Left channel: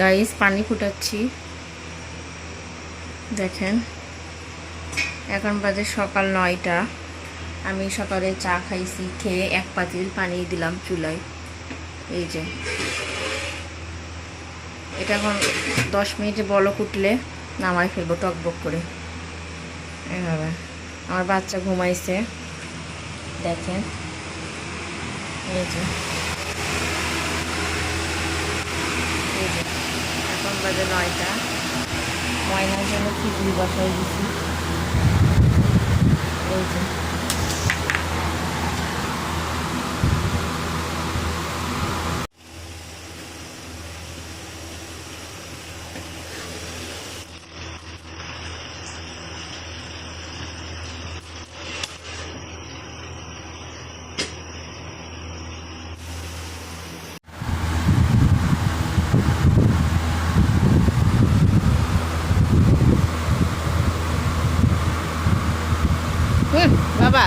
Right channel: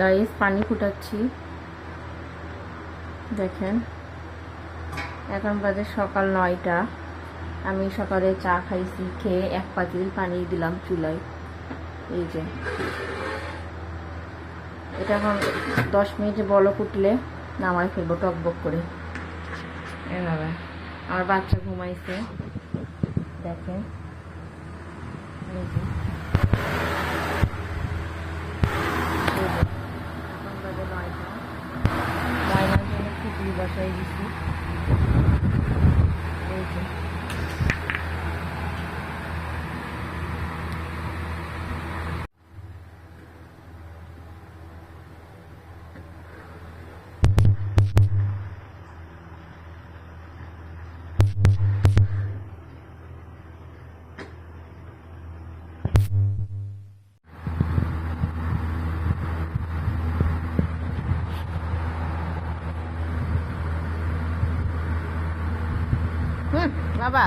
Guys পানি ফুটাচ্ছি, দেখেন। এখন বাজে সকাল 9টা। আমি সকালে চা খাইছি, খেয়ে এক পাতিল পানি দিলাম চুলায়। এই যে এটা এখন 10 মিনিটে বলক উঠলে নামাই ফেলবো টকবক করে। এভাবে আমার বাচ্চা ঘুমাইছে, দেখেন। এই যে এখন বাজে 9টা। ময়নার জন্য খিচুড়ি বসাই দিছি। এই যে বাবা